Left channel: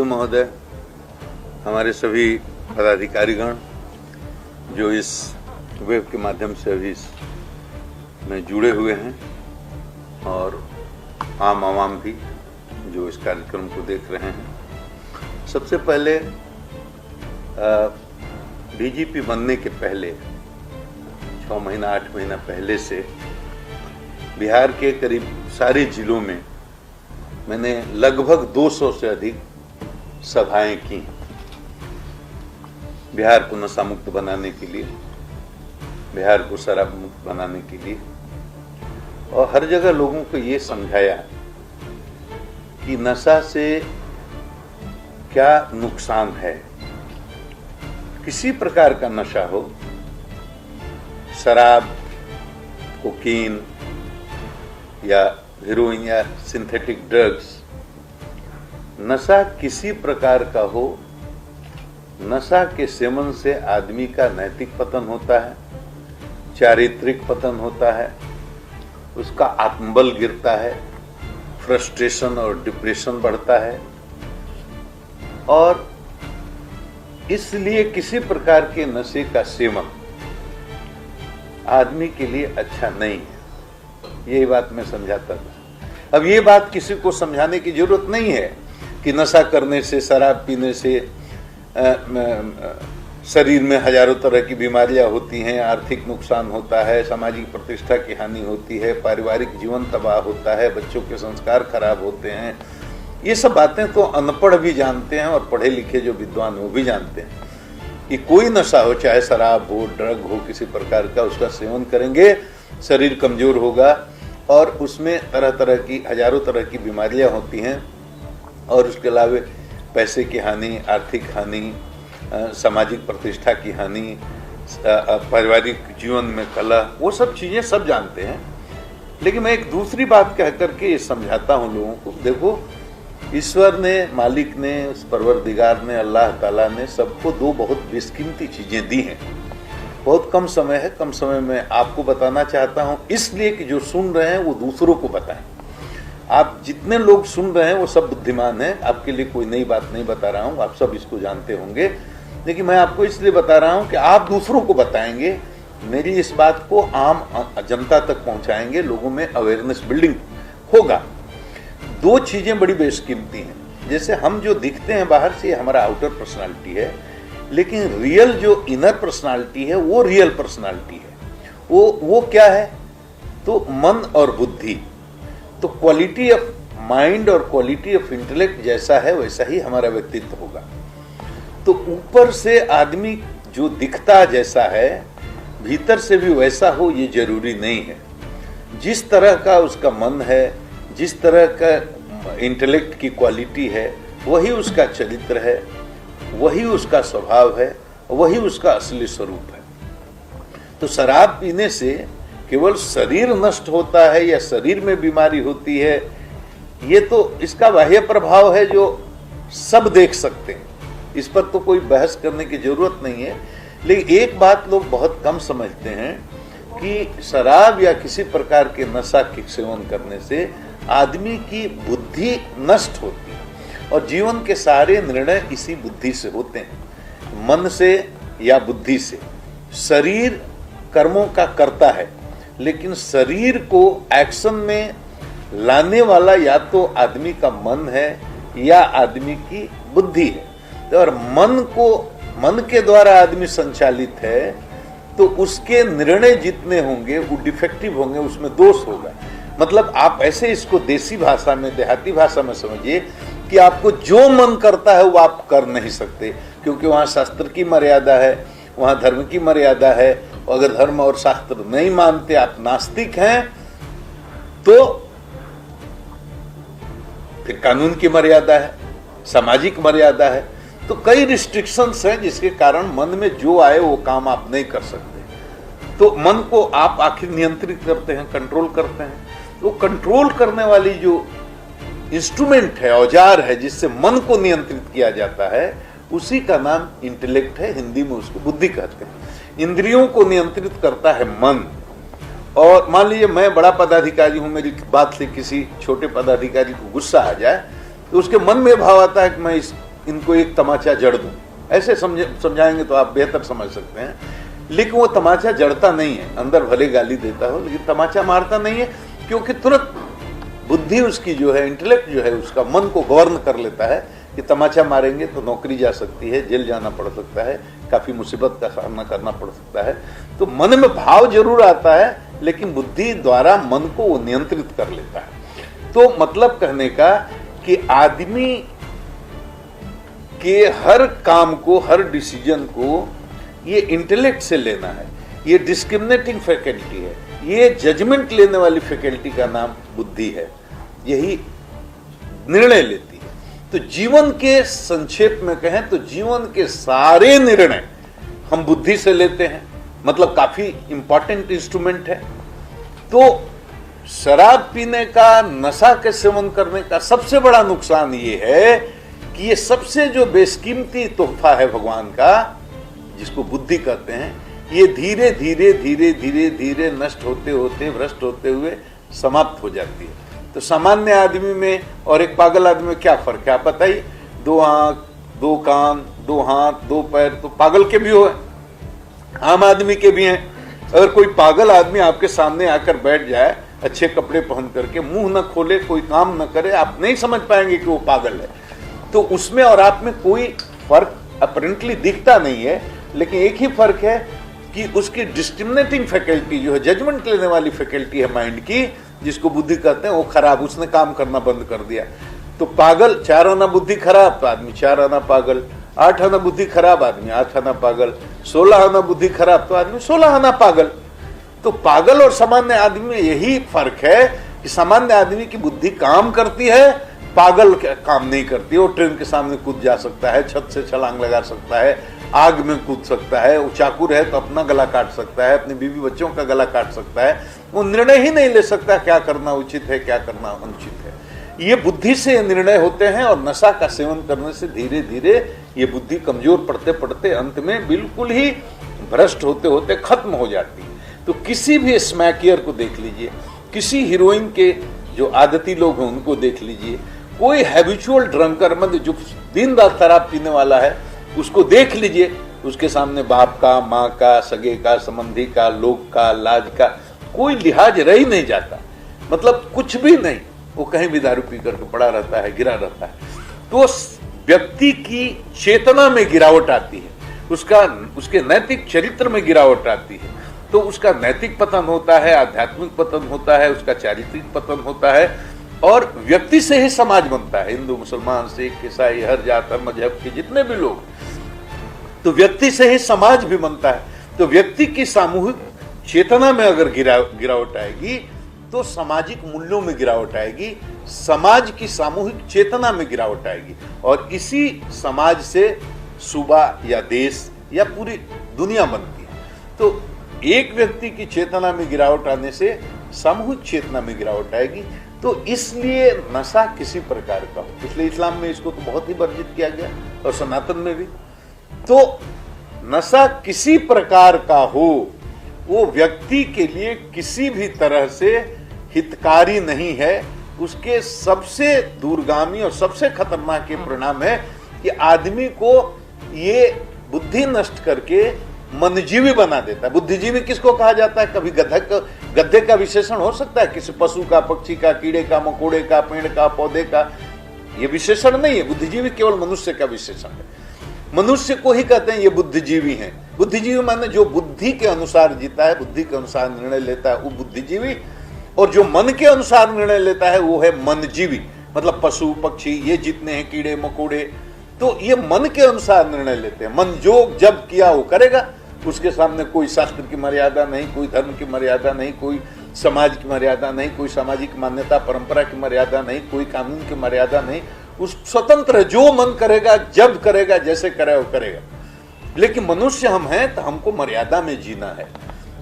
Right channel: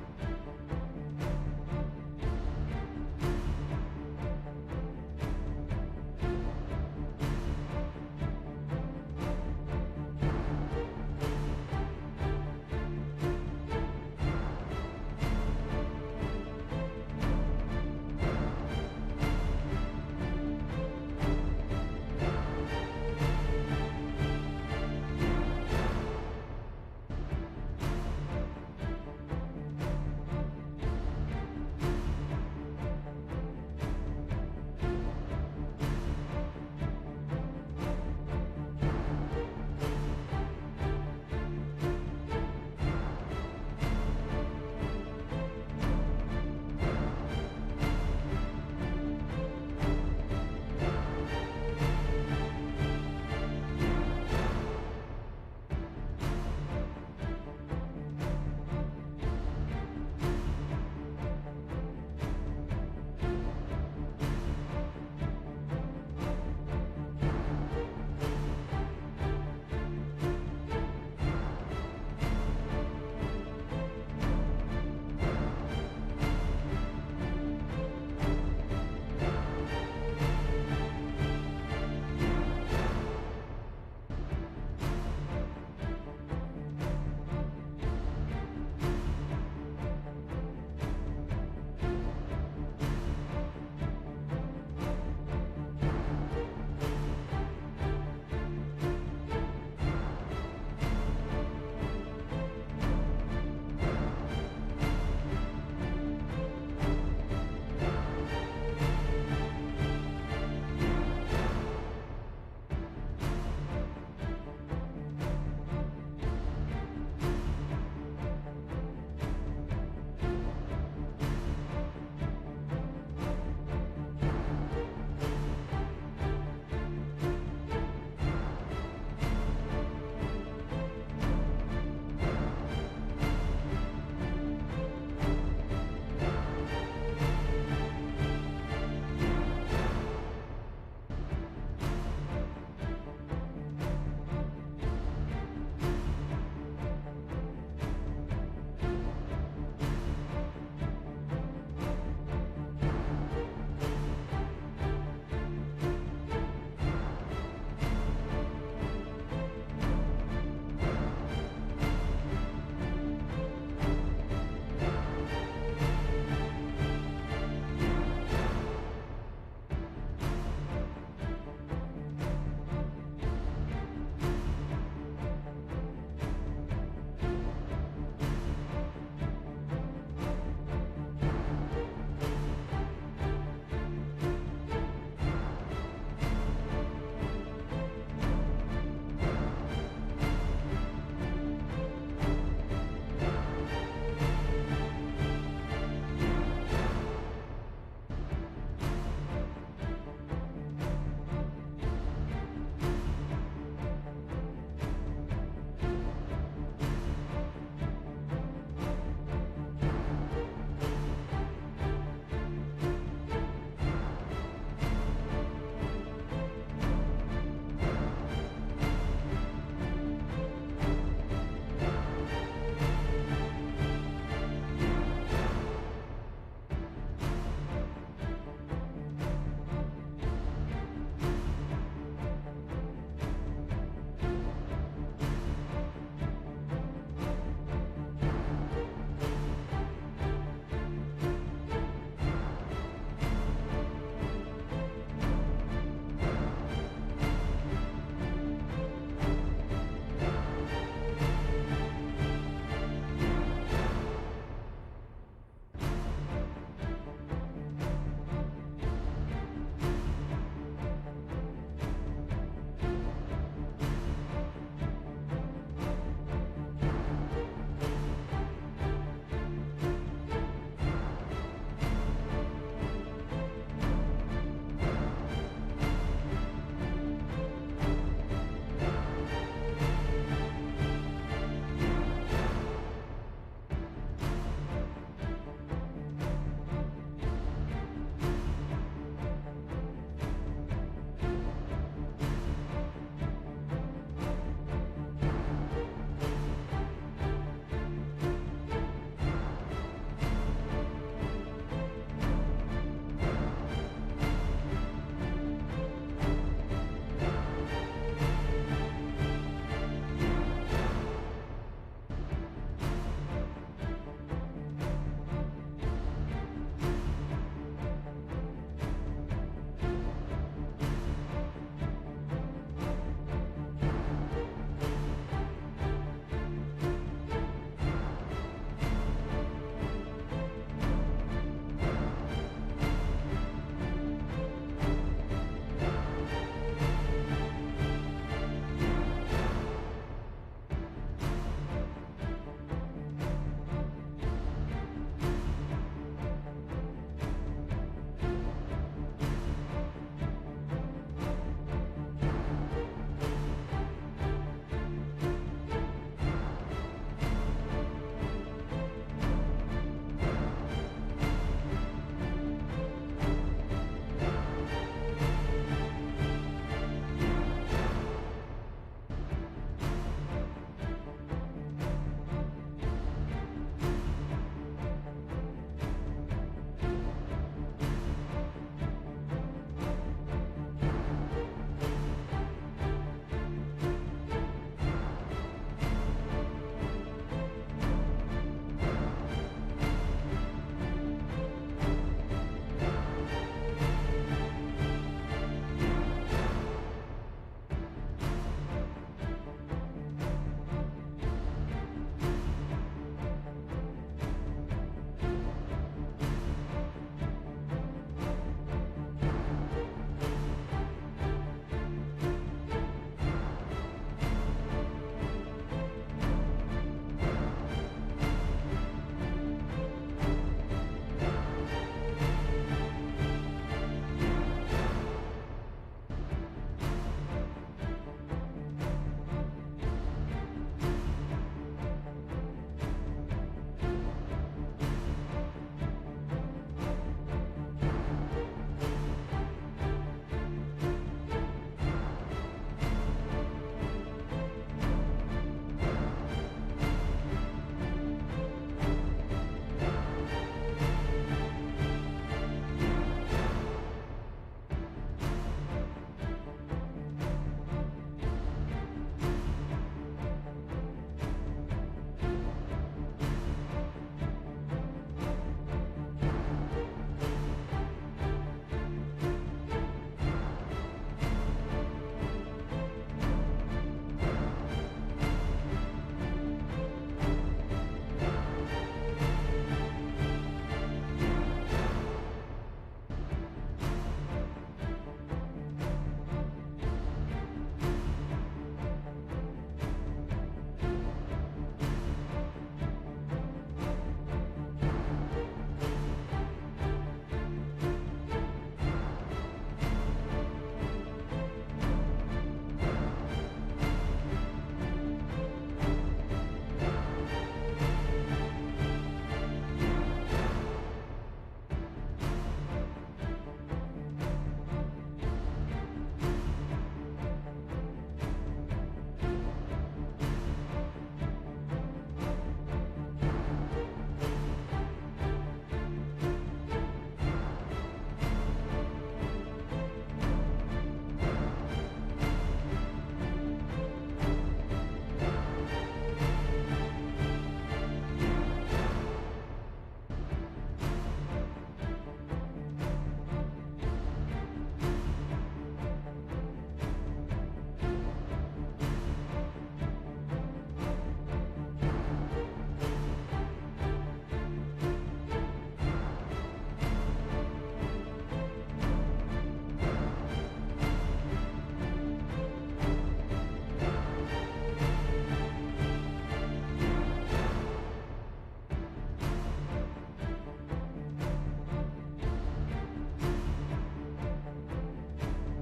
सचिव महोदय, हमारे सभी पदाधिकारीगण जो इस वेब के माध्यम से अभी में जुड़े हुए हैं और आम आवाम भी जो इस कार्यक्रम को देख रहे हैं। सबसे पहले डीजीपी बनने के पहले 6 महीना 8 महीना पहले से बिहार के करीब सारे जिलों में मैंने लगभग 200 से अधिक सभाएं की बिहार को नशा मुक्त बनाने के लिए, बिहार को शराब मुक्त बनाने के लिए, और हर जगह लोगों को ये समझाया कि नशा से क्या नुकसान है। किसी प्रकार का नशा हो, शराब, कोकीन या हेरोइन या सिंथेटिक ड्रग्स, नशा किसी प्रकार का हो, नशा के सेवन से आदमी का नैतिक पतन होता है, चारित्रिक पतन होता है, उसका आत्मबल गिरता है, फ्रस्ट्रेशन और डिप्रेशन बढ़ता है, और इसलिए किसी प्रकार के नशे का सेवन आदमी के लिए अच्छा नहीं है। यही बात मैं समझाता था। अब ये बात किसी को समझाने की जरूरत नहीं है कि नशा करने से, शराब पीने से शरीर में हजारों तरह की बीमारियां होती हैं, आर्थिक नुकसान होता है, सामाजिक प्रतिष्ठा की हानि होती है, पारिवारिक जीवन तबाह होता है, बच्चों के संस्कार खराब होते हैं। ये सब बातें तो अनपढ़ भी जानते हैं और पढ़े लिखे जो विद्वान वो भी जानते हैं कि कोई नशा हो, चाहे शराब हो, ड्रग हो, किसी प्रकार का उसका सेवन करेंगे, शरीर कमजोर होगा और उसमें तरह तरह की, हजारों तरह की बीमारियां होती हैं, और उसके अलावा पैसे की हानि, आर्थिक हानि, सामाजिक प्रतिष्ठा की हानि, पारिवारिक जीवन में कलह, वो सब चीजें सब जानते हैं। लेकिन मैं एक दूसरी बात कह करके ये समझाता हूँ लोगों को। देखो, ईश्वर ने, मालिक ने, परवरदिगार ने, अल्लाह ताला ने सबको 2 बहुत बेशकीमती चीजें दी हैं। बहुत कम समय है, कम समय में आपको बताना चाहता हूँ, इसलिए कि जो सुन रहे हैं वो दूसरों को बताएं। आप जितने लोग सुन रहे हैं वो सब बुद्धिमान हैं, आपके लिए कोई नई बात नहीं बता रहा हूँ, आप सब इसको जानते होंगे, लेकिन मैं आपको इसलिए बता रहा हूँ कि आप दूसरों को बताएंगे, मेरी इस बात को आम जनता तक पहुँचाएंगे, लोगों में अवेयरनेस बिल्डिंग होगा। 2 चीजें बड़ी बेशकीमती हैं। जैसे हम जो दिखते हैं बाहर से, हमारा आउटर पर्सनालिटी है, लेकिन रियल जो इनर पर्सनालिटी है वो रियल पर्सनालिटी है। वो क्या है? तो मन और बुद्धि। तो क्वालिटी ऑफ माइंड और क्वालिटी ऑफ इंटेलेक्ट जैसा है वैसा ही हमारा व्यक्तित्व होगा। तो ऊपर से आदमी जो दिखता जैसा है, भीतर से भी वैसा हो ये जरूरी नहीं है। जिस तरह का उसका मन है, जिस तरह का इंटेलेक्ट की क्वालिटी है, वही उसका चरित्र है, वही उसका स्वभाव है, वही उसका असली स्वरूप है। तो शराब पीने से केवल शरीर नष्ट होता है या शरीर में बीमारी होती है, ये तो इसका बाह्य प्रभाव है जो सब देख सकते हैं, इस पर तो कोई बहस करने की जरूरत नहीं है। लेकिन एक बात लोग बहुत कम समझते हैं कि शराब या किसी प्रकार के नशा के सेवन करने से आदमी की बुद्धि नष्ट होती है, और जीवन के सारे निर्णय इसी बुद्धि से होते हैं, मन से या बुद्धि से। शरीर कर्मों का करता है, लेकिन शरीर को एक्शन में लाने वाला या तो आदमी का मन है या आदमी की बुद्धि है। और मन के द्वारा आदमी संचालित है, तो उसके निर्णय जितने होंगे वो डिफेक्टिव होंगे, उसमें दोष होगा। मतलब आप ऐसे इसको देसी भाषा में, देहाती भाषा में समझिए कि आपको जो मन करता है वो आप कर नहीं सकते, क्योंकि वहाँ शास्त्र की मर्यादा है, वहाँ धर्म की मर्यादा है। अगर धर्म और शास्त्र नहीं मानते, आप नास्तिक हैं, तो फिर कानून की मर्यादा है, सामाजिक मर्यादा है। तो कई रिस्ट्रिक्शंस हैं जिसके कारण मन में जो आए वो काम आप नहीं कर सकते। तो मन को आप आखिर नियंत्रित करते हैं, कंट्रोल करते हैं। तो कंट्रोल करने वाली जो इंस्ट्रूमेंट है, औजार है, जिससे मन को नियंत्रित किया जाता है, उसी का नाम इंटेलेक्ट है। हिंदी में उसको बुद्धि कहते हैं। इंद्रियों को नियंत्रित करता है मन। और मान लीजिए मैं बड़ा पदाधिकारी हूं, मेरी बात से किसी छोटे पदाधिकारी को गुस्सा आ जाए, तो उसके मन में भाव आता है कि मैं इस इनको एक तमाचा जड़ दूं, ऐसे समझाएंगे तो आप बेहतर समझ सकते हैं। लेकिन वो तमाचा जड़ता नहीं है, अंदर भले गाली देता हो लेकिन तमाचा मारता नहीं है, क्योंकि तुरंत बुद्धि उसकी जो है, इंटेलेक्ट जो है उसका, मन को गवर्न कर लेता है कि तमाचा मारेंगे तो नौकरी जा सकती है, जेल जाना पड़ सकता है, काफी मुसीबत का सामना करना पड़ सकता है। तो मन में भाव जरूर आता है लेकिन बुद्धि द्वारा मन को वो नियंत्रित कर लेता है। तो मतलब कहने का कि आदमी के हर काम को, हर डिसीजन को ये इंटेलेक्ट से लेना है, ये डिस्क्रिमिनेटिंग फैकल्टी है, ये जजमेंट लेने वाली फैकल्टी का नाम बुद्धि है, यही निर्णय लेती है। तो जीवन के संक्षेप में कहें तो जीवन के सारे निर्णय हम बुद्धि से लेते हैं, मतलब काफी इंपॉर्टेंट इंस्ट्रूमेंट है। तो शराब पीने का, नशा के सेवन करने का सबसे बड़ा नुकसान ये है कि ये सबसे जो बेशकीमती तोहफा है भगवान का, जिसको बुद्धि कहते हैं, ये धीरे धीरे धीरे धीरे धीरे नष्ट होते होते, भ्रष्ट होते हुए समाप्त हो जाती है। तो सामान्य आदमी में और एक पागल आदमी में क्या फर्क है आप बताइए? 2 आंख, 2 कान, 2 हाथ, 2 पैर तो पागल के भी हो, आम आदमी के भी हैं। अगर कोई पागल आदमी आपके सामने आकर बैठ जाए अच्छे कपड़े पहन करके, मुंह न खोले, कोई काम न करे, आप नहीं समझ पाएंगे कि वो पागल है। तो उसमें और आप में कोई फर्क अपरेंटली दिखता नहीं है, लेकिन एक ही फर्क है कि उसकी डिस्क्रिमिनेटिंग फैकल्टी जो है, जजमेंट लेने वाली फैकल्टी है माइंड की, जिसको बुद्धि कहते हैं, वो खराब, उसने काम करना बंद कर दिया। तो पागल 4 आना बुद्धि खराब तो आदमी 4 आना पागल, 8 आना बुद्धि खराब आदमी 8 आना पागल, 16 आना बुद्धि खराब तो आदमी 16 आना पागल। तो पागल और सामान्य आदमी में यही फर्क है कि सामान्य आदमी की बुद्धि काम करती है, पागल काम नहीं करती। वो ट्रेन के सामने कूद जा सकता है, छत से छलांग लगा सकता है, आग में कूद सकता है, वो चाकू रहे तो अपना गला काट सकता है, अपने बीवी बच्चों का गला काट सकता है। वो निर्णय ही नहीं ले सकता क्या करना उचित है, क्या करना अनुचित है। ये बुद्धि से निर्णय होते हैं और नशा का सेवन करने से धीरे धीरे ये बुद्धि कमजोर पड़ते पड़ते अंत में बिल्कुल ही भ्रष्ट होते होते खत्म हो जाती है। तो किसी भी स्मैकियर को देख लीजिए, किसी हीरोइन के जो आदती लोग हैं उनको देख लीजिए, कोई हैबिचुअल ड्रंकर, मतलब जो दिन रात शराब पीने वाला है, उसको देख लीजिए, उसके सामने बाप का, माँ का, सगे का, संबंधी का, लोग का, लाज का कोई लिहाज रह ही नहीं जाता, मतलब कुछ भी नहीं, वो कहीं भी दारू पी करके पड़ा रहता है, गिरा रहता है। तो व्यक्ति की चेतना में गिरावट आती है, उसके नैतिक चरित्र में गिरावट आती है, तो उसका नैतिक पतन होता है, आध्यात्मिक पतन होता है, उसका चारित्रिक पतन होता है, और व्यक्ति से ही समाज बनता है। हिंदू, मुसलमान, सिख, ईसाई, हर जात और मजहब के जितने भी लोग, तो व्यक्ति से ही समाज भी बनता है। तो व्यक्ति की सामूहिक चेतना में अगर गिरावट आएगी तो सामाजिक मूल्यों में गिरावट आएगी, समाज की सामूहिक चेतना में गिरावट आएगी, और इसी समाज से सूबा या देश या पूरी दुनिया बनती है। तो एक व्यक्ति की चेतना में गिरावट आने से सामूहिक चेतना में गिरावट आएगी। तो इसलिए नशा किसी प्रकार का हो, इसलिए इस्लाम में इसको तो बहुत ही वर्जित किया गया और सनातन में भी। तो नशा किसी प्रकार का हो, वो व्यक्ति के लिए किसी भी तरह से हितकारी नहीं है। उसके सबसे दूरगामी और सबसे खतरनाक ये परिणाम है कि आदमी को ये बुद्धि नष्ट करके मनजीवी बना देता है। बुद्धिजीवी किसको कहा जाता है? कभी गधे का विशेषण हो सकता है, किसी पशु का, पक्षी का, कीड़े का, मकोड़े का, पेड़ का, पौधे का, ये विशेषण नहीं है। बुद्धिजीवी केवल मनुष्य का विशेषण है। मनुष्य को ही कहते हैं ये बुद्धिजीवी हैं। बुद्धिजीवी माने जो बुद्धि के अनुसार जीता है, बुद्धि के अनुसार निर्णय लेता है, वो बुद्धिजीवी। और जो मन के अनुसार निर्णय लेता है वो है मनजीवी, मतलब पशु पक्षी ये जितने हैं, कीड़े मकोड़े, तो ये मन के अनुसार निर्णय लेते हैं। मन जो जब किया वो करेगा, उसके सामने कोई शास्त्र की मर्यादा नहीं, कोई धर्म की मर्यादा नहीं, कोई समाज की मर्यादा नहीं, कोई सामाजिक मान्यता परंपरा की मर्यादा नहीं, कोई कानून की मर्यादा नहीं। उस स्वतंत्र जो मन करेगा, जब करेगा, जैसे करे वो करेगा। लेकिन मनुष्य हम हैं तो हमको मर्यादा में जीना है,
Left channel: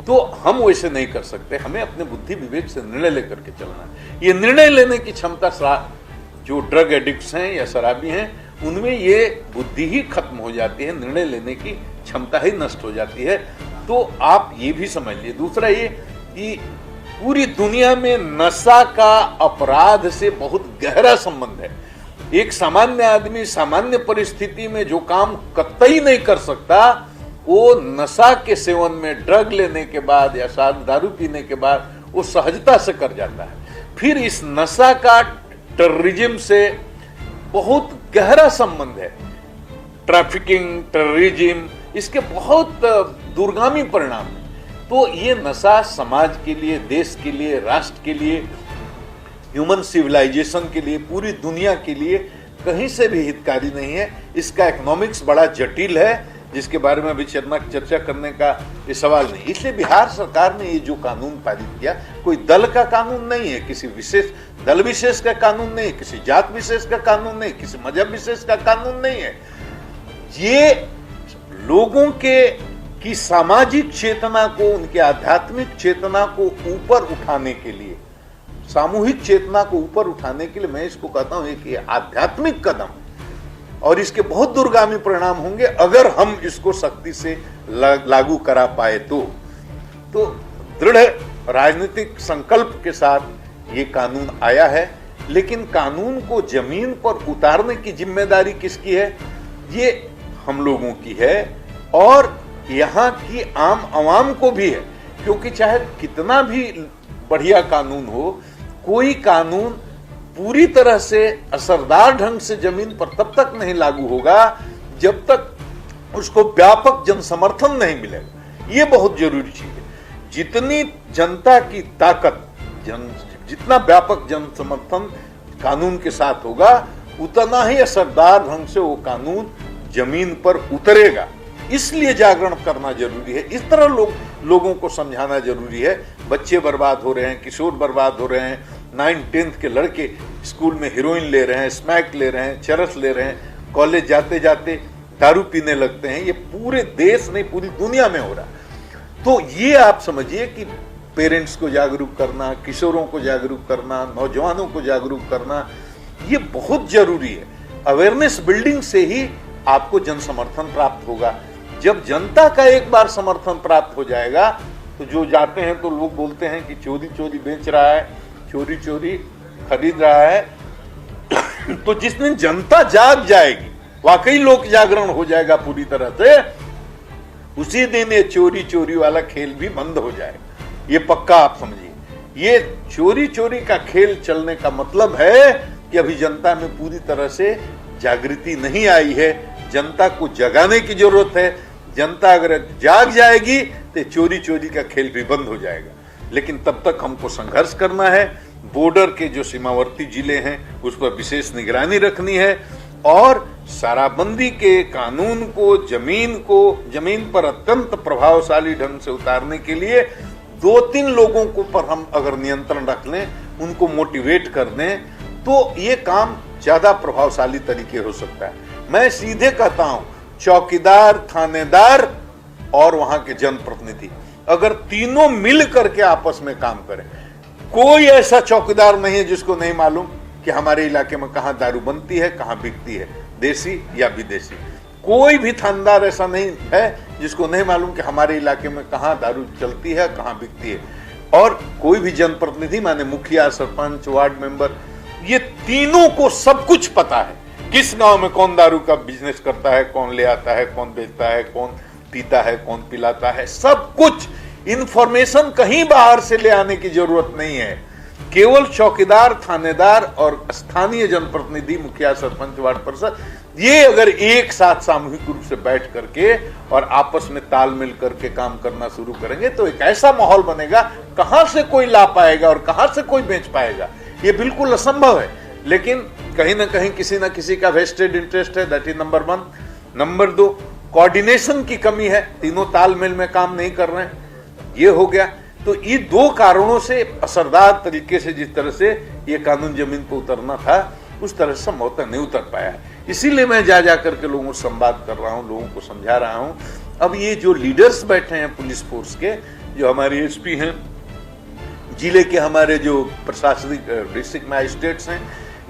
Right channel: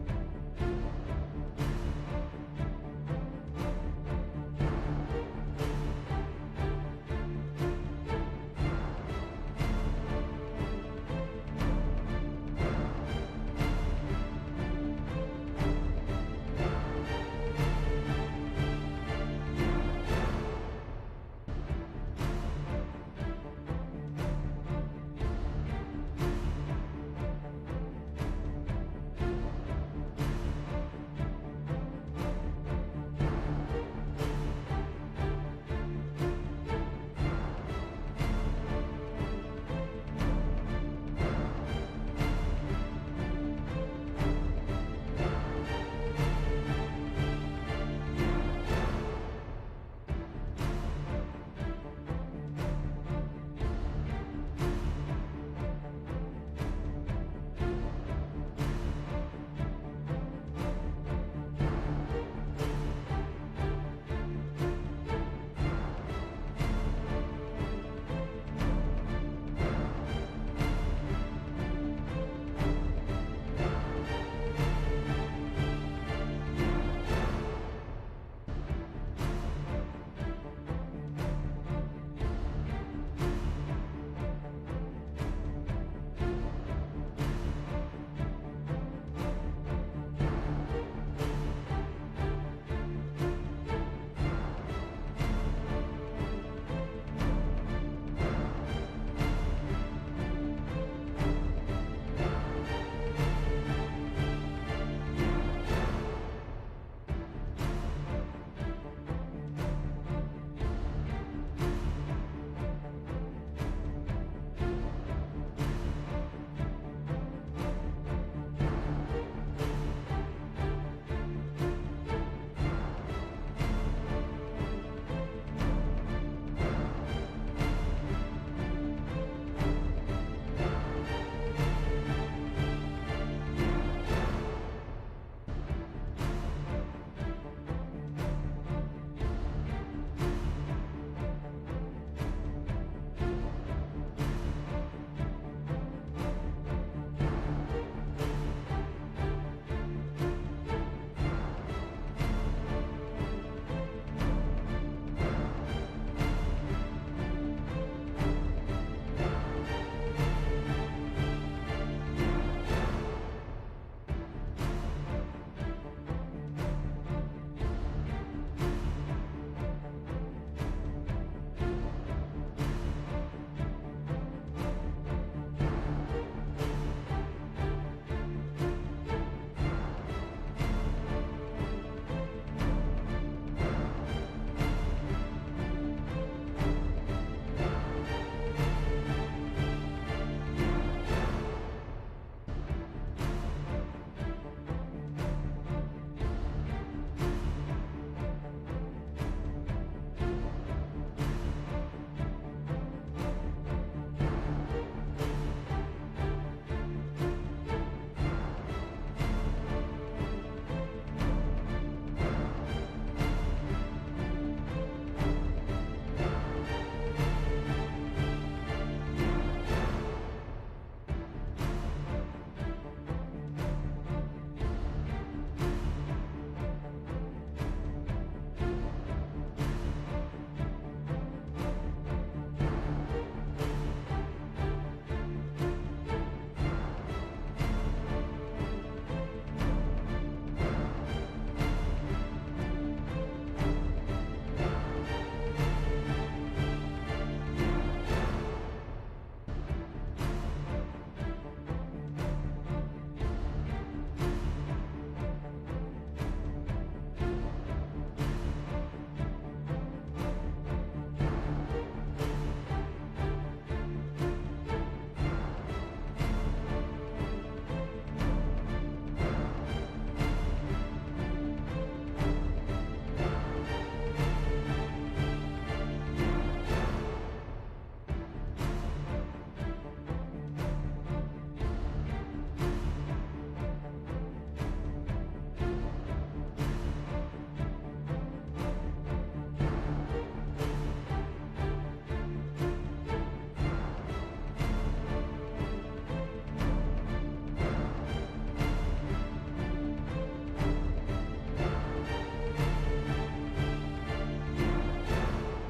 तो हम वैसे नहीं कर सकते। हमें अपने बुद्धि विवेक से निर्णय लेकर के चलना है। ये निर्णय लेने की क्षमता जो ड्रग एडिक्ट्स हैं या शराबी हैं, उनमें ये बुद्धि ही खत्म हो जाती है, निर्णय लेने की क्षमता ही नष्ट हो जाती है। तो आप ये भी समझिए। दूसरा ये कि पूरी दुनिया में नशा का अपराध से बहुत गहरा संबंध है। एक सामान्य आदमी सामान्य परिस्थिति में जो काम कतई नहीं कर सकता, वो नशा के सेवन में, ड्रग लेने के बाद या दारू पीने के बाद वो सहजता से कर जाता है। फिर इस नशा का टेररिज्म से बहुत गहरा संबंध है। ट्रैफिकिंग, टेररिज्म, इसके बहुत दूरगामी परिणाम। तो ये नशा समाज के लिए, देश के लिए, राष्ट्र के लिए, ह्यूमन सिविलाइजेशन के लिए, पूरी दुनिया के लिए कहीं से भी हितकारी नहीं है। इसका इकोनॉमिक्स बड़ा जटिल है, जिसके बारे में अभी चर्चा करने का ये सवाल नहीं। इसलिए बिहार सरकार ने ये जो कानून पारित किया, कोई दल का कानून नहीं है, किसी विशेष दल विशेष का कानून नहीं, किसी जात विशेष का कानून नहीं, किसी मजहब विशेष का कानून नहीं है। ये लोगों की सामाजिक चेतना को, उनके आध्यात्मिक चेतना को ऊपर उठाने के लिए, सामूहिक चेतना को ऊपर उठाने के लिए मैं इसको कहता हूं कि आध्यात्मिक कदम, और इसके बहुत दूरगामी परिणाम होंगे अगर हम इसको सख्ती से लागू करा पाए तो दृढ़ राजनीतिक संकल्प के साथ ये कानून आया है। लेकिन कानून को जमीन पर उतारने की जिम्मेदारी किसकी है? ये हम लोगों की है और यहाँ की आम आवाम को भी है, क्योंकि चाहे कितना भी बढ़िया कानून हो, कोई कानून पूरी तरह से असरदार ढंग से जमीन पर तब तक नहीं लागू होगा जब तक उसको व्यापक जन समर्थन नहीं मिलेगा। ये बहुत जरूरी चीज है। जितनी जनता की ताकत, जितना व्यापक जन समर्थन कानून के साथ होगा, उतना ही असरदार ढंग से वो कानून जमीन पर उतरेगा। इसलिए जागरण करना जरूरी है। इस तरह लोगों को समझाना जरूरी है। बच्चे बर्बाद हो रहे हैं, किशोर बर्बाद हो रहे हैं, 9th-10th के लड़के स्कूल में हीरोइन ले रहे हैं, स्मैक ले रहे हैं, चरस ले रहे हैं, कॉलेज जाते जाते दारू पीने लगते हैं। ये पूरे देश में, पूरी दुनिया में हो रहा है। तो ये आप समझिए कि पेरेंट्स को जागरूक करना, किशोरों को जागरूक करना, नौजवानों को जागरूक करना, ये बहुत जरूरी है। अवेयरनेस बिल्डिंग से ही आपको जन समर्थन प्राप्त होगा। जब जनता का एक बार समर्थन प्राप्त हो जाएगा तो जो जाते हैं तो लोग बोलते हैं कि चोरी चोरी बेच रहा है, चोरी चोरी खरीद रहा है। तो जिस दिन जनता जाग जाएगी, वाकई लोक जागरण हो जाएगा पूरी तरह से, उसी दिन ये चोरी चोरी वाला खेल भी बंद हो जाएगा। ये पक्का आप समझिए। ये चोरी चोरी का खेल चलने का मतलब है कि अभी जनता में पूरी तरह से जागृति नहीं आई है। जनता को जगाने की जरूरत है। जनता अगर जाग जाएगी तो चोरी चोरी का खेल भी बंद हो जाएगा। लेकिन तब तक हमको संघर्ष करना है। बॉर्डर के जो सीमावर्ती जिले हैं उस पर विशेष निगरानी रखनी है और शराबबंदी के कानून को जमीन पर अत्यंत प्रभावशाली ढंग से उतारने के लिए 2-3 लोगों को पर हम अगर नियंत्रण रख लें, उनको मोटिवेट कर दें, तो ये काम ज्यादा प्रभावशाली तरीके हो सकता है। मैं सीधे कहता हूं, चौकीदार, थानेदार और वहां के जनप्रतिनिधि अगर तीनों मिल करके आपस में काम करें, कोई ऐसा चौकीदार नहीं है जिसको नहीं मालूम कि हमारे इलाके में कहां दारू बनती है, कहां बिकती है, देसी या विदेशी। कोई भी थानेदार ऐसा नहीं है जिसको नहीं मालूम कि हमारे इलाके में कहां दारू चलती है, कहां बिकती है। और कोई भी जनप्रतिनिधि, माने मुखिया, सरपंच, वार्ड मेंबर, ये तीनों को सब कुछ पता है। किस गांव में कौन दारू का बिजनेस करता है, कौन ले आता है, कौन बेचता है, कौन पीता है, कौन पिलाता है, सब कुछ इंफॉर्मेशन कहीं बाहर से ले आने की जरूरत नहीं है। केवल चौकीदार, थानेदार और स्थानीय जनप्रतिनिधि, मुखिया, सरपंच, वार्ड पार्षद, ये अगर एक साथ सामूहिक रूप से बैठ करके और आपस में तालमेल करके काम करना शुरू करेंगे तो एक ऐसा माहौल बनेगा, कहां से कोई ला पाएगा और कहां से कोई बेच पाएगा, ये बिल्कुल असंभव है। लेकिन कहीं ना कहीं किसी ना किसी का वेस्टेड इंटरेस्ट है, that is number 1। Number 2, coordination की कमी है, तीनों तालमेल में काम नहीं कर रहे हैं, ये हो गया। तो ये 2 कारणों से असरदार तरीके से जिस तरह से ये कानून जमीन पर उतरना था, उस तरह से संभवतः नहीं उतर पाया। इसीलिए मैं जा करके लोगों से संवाद कर रहा हूँ, लोगों को समझा रहा हूँ। अब ये जो लीडर्स बैठे हैं पुलिस फोर्स के, जो हमारे एसपी हैं, जिले के हमारे जो प्रशासनिक डिस्ट्रिक्ट मैजिस्ट्रेट्स हैं,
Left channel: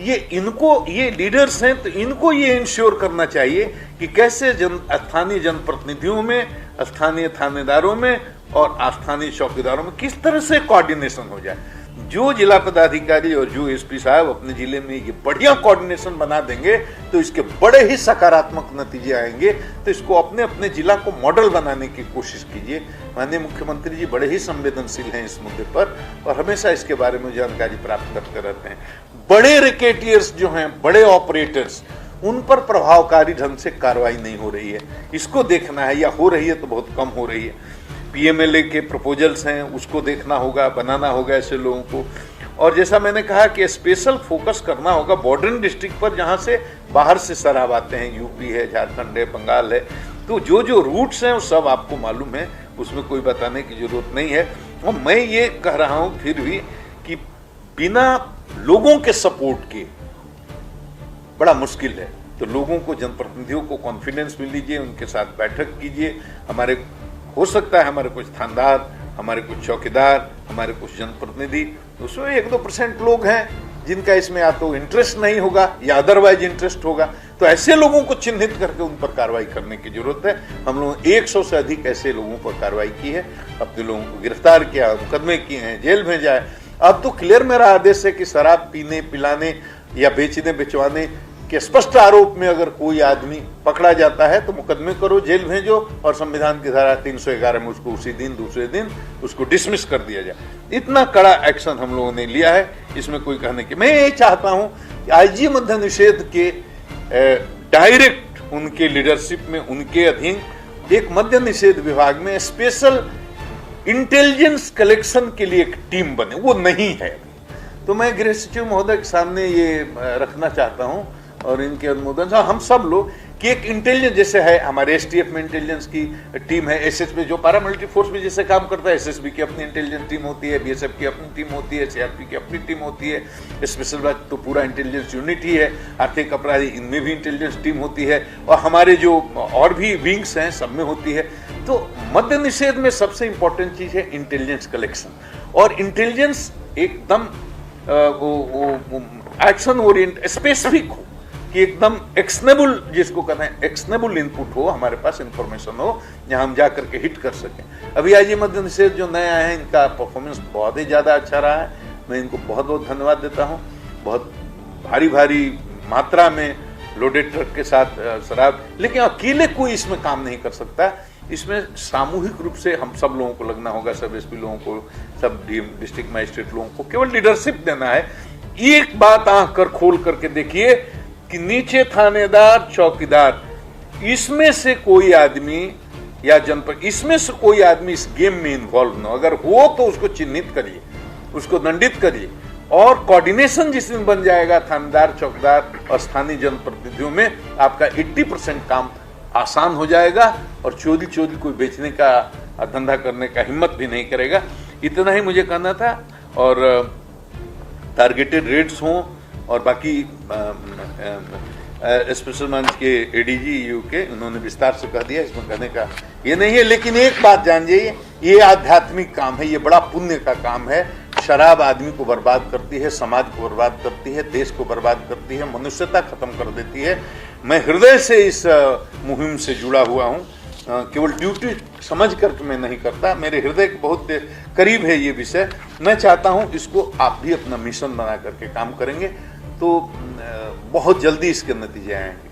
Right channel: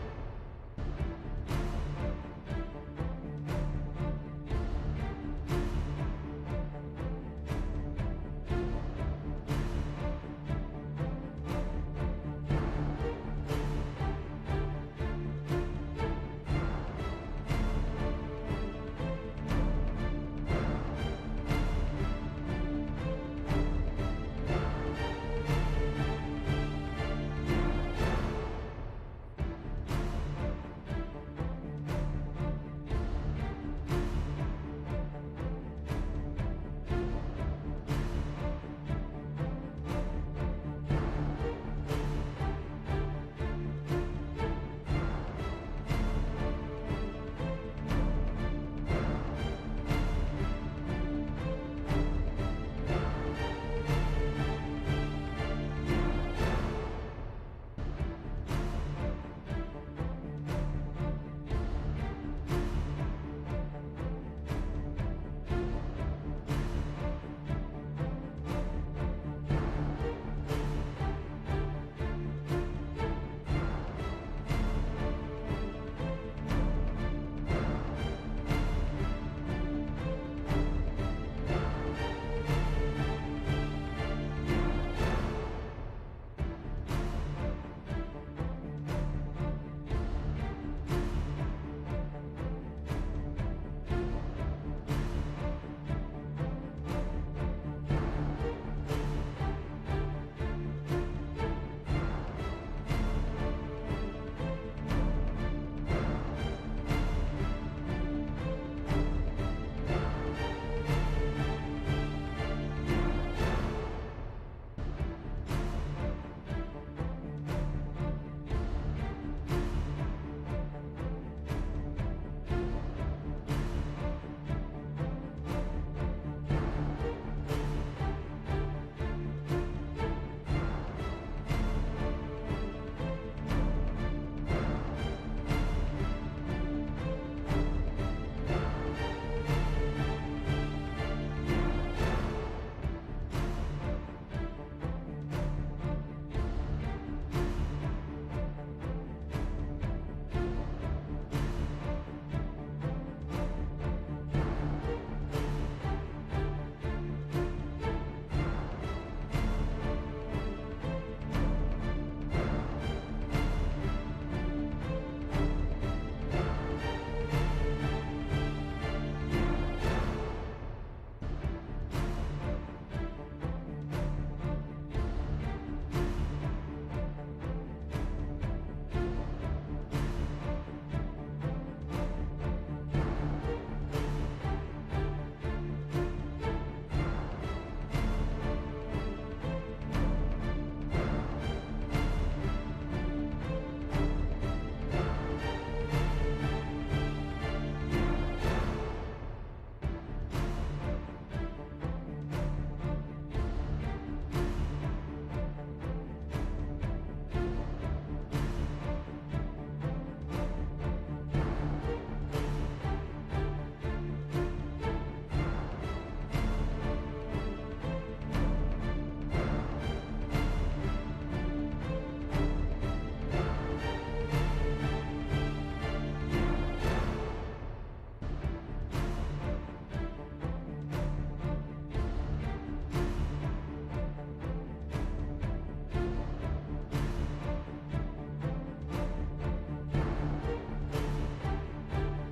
ये लीडर्स हैं, तो इनको ये इंश्योर करना चाहिए कि कैसे स्थानीय जनप्रतिनिधियों में, स्थानीय थानेदारों में और स्थानीय चौकीदारों में किस तरह से कोऑर्डिनेशन हो जाए। जो जिला पदाधिकारी और जो एसपी साहब अपने जिले में ये बढ़िया कोऑर्डिनेशन बना देंगे तो इसके बड़े ही सकारात्मक नतीजे आएंगे। तो इसको अपने अपने जिला को मॉडल बनाने की कोशिश कीजिए। माननीय मुख्यमंत्री जी बड़े ही संवेदनशील हैं इस मुद्दे पर और हमेशा इसके बारे में जानकारी प्राप्त करते रहते हैं। बड़े रिकेटियर्स जो हैं, बड़े ऑपरेटर्स, उन पर प्रभावकारी ढंग से कार्रवाई नहीं हो रही है, इसको देखना है, या हो रही है तो बहुत कम हो रही है। पीएमएलए के प्रपोजल्स हैं, उसको देखना होगा, बनाना होगा ऐसे लोगों को। और जैसा मैंने कहा कि स्पेशल फोकस करना होगा बॉर्डरिंग डिस्ट्रिक्ट पर, जहां से बाहर से शराब आते हैं, यूपी है, झारखंड है, बंगाल है। तो जो जो रूट्स हैं वो सब आपको मालूम है, उसमें कोई बताने की जरूरत नहीं है। और मैं ये कह रहा हूं फिर भी कि बिना लोगों के सपोर्ट के बड़ा मुश्किल है। तो लोगों को, जनप्रतिनिधियों को कॉन्फिडेंस मिल लीजिए, उनके साथ बैठक कीजिए। हमारे हो सकता है हमारे कुछ थानेदार, हमारे कुछ चौकीदार, हमारे कुछ जनप्रतिनिधि, उसमें 1-2% लोग हैं जिनका इसमें या तो इंटरेस्ट नहीं होगा या अदरवाइज इंटरेस्ट होगा। तो ऐसे लोगों को चिन्हित करके उन पर कार्रवाई करने की जरूरत है। हम लोगों ने 100 से अधिक ऐसे लोगों पर कार्रवाई की है, अपने लोगों को गिरफ्तार किया, मुकदमे किए हैं, जेल भेजा है। अब तो क्लियर मेरा आदेश है कि शराब पीने, पिलाने या बेचने, बिचवाने के स्पष्ट आरोप में अगर कोई आदमी पकड़ा जाता है तो मुकदमे करो, जेल भेजो और संविधान की धारा 311 में उसको उसी दिन, दूसरे दिन उसको डिसमिस कर दिया जाए। इतना कड़ा एक्शन हम लोगों ने लिया है, इसमें कोई कहने की। मैं ये चाहता हूं कि आईजी मद्य निषेध के डायरेक्ट उनके लीडरशिप में, उनके अधीन एक मद्य निषेध विभाग में स्पेशल इंटेलिजेंस कलेक्शन के लिए एक टीम बने। वो नहीं है। तो मैं गृह सचिव महोदय के सामने ये रखना चाहता हूं और इनके अनुमोदन से हम सब लोग कि एक इंटेलिजेंस, जैसे है हमारे एसटीएफ में इंटेलिजेंस की टीम है, एसएसबी जो पैरामिलिट्री फोर्स में जैसे काम करता है, एसएसबी की अपनी इंटेलिजेंस टीम होती है, बीएसएफ की अपनी टीम होती है, सीआरपी की अपनी टीम होती है, स्पेशल ब्रांच तो पूरा इंटेलिजेंस यूनिट ही है, आर्थिक अपराधी इनमें भी इंटेलिजेंस टीम होती है और हमारे जो और भी विंग्स हैं सब में होती है। तो मद्य निषेध में सबसे इंपॉर्टेंट चीज है इंटेलिजेंस कलेक्शन और इंटेलिजेंस एकदम एक्शन ओरिएंट स्पेसिफिक हो कि एकदम एक्शनेबल, जिसको कहते हैं एक्शनेबल इनपुट हो, हमारे पास इंफॉर्मेशन हो जहां हम जाकर के हिट कर सकें। अभी आज ये मद्य निषेध जो नया है, इनका परफॉर्मेंस बहुत ही ज्यादा अच्छा रहा है। मैं इनको बहुत बहुत धन्यवाद देता हूँ। बहुत भारी भारी मात्रा में लोडेड ट्रक के साथ शराब, लेकिन अकेले कोई इसमें काम नहीं कर सकता। इसमें सामूहिक रूप से हम सब लोगों को लगना होगा, सब एसपी लोगों को, सब डिस्ट्रिक्ट मजिस्ट्रेट लोगों को केवल लीडरशिप देना है। एक बात आंख कर खोल करके देखिए कि नीचे थानेदार, चौकीदार, इसमें से कोई आदमी या जनपद, इसमें से कोई आदमी इस गेम में इन्वॉल्व न, अगर हो तो उसको चिन्हित करिए, उसको दंडित करिए। और कोऑर्डिनेशन जिस दिन बन जाएगा थानेदार, चौकीदार और स्थानीय जनप्रतिनिधियों में, आपका 80% काम आसान हो जाएगा और चोरी कोई बेचने का, धंधा करने का हिम्मत भी नहीं करेगा। इतना ही मुझे कहना था। और टारगेटेड रेड्स हों और बाकी स्पेशल ब्रांच के एडीजी यूके, उन्होंने विस्तार से कह दिया, इसमें कहने का ये नहीं है। लेकिन एक बात जान जाइए, ये आध्यात्मिक काम है, ये बड़ा पुण्य का काम है। शराब आदमी को बर्बाद करती है, समाज को बर्बाद करती है, देश को बर्बाद करती है, मनुष्यता खत्म कर देती है। मैं हृदय से इस मुहिम से जुड़ा हुआ हूँ, केवल ड्यूटी समझ कर मैं नहीं करता, मेरे हृदय के बहुत करीब है ये विषय। मैं चाहता हूँ इसको आप भी अपना मिशन बना करके काम करेंगे तो बहुत जल्दी इसके नतीजे आएंगे।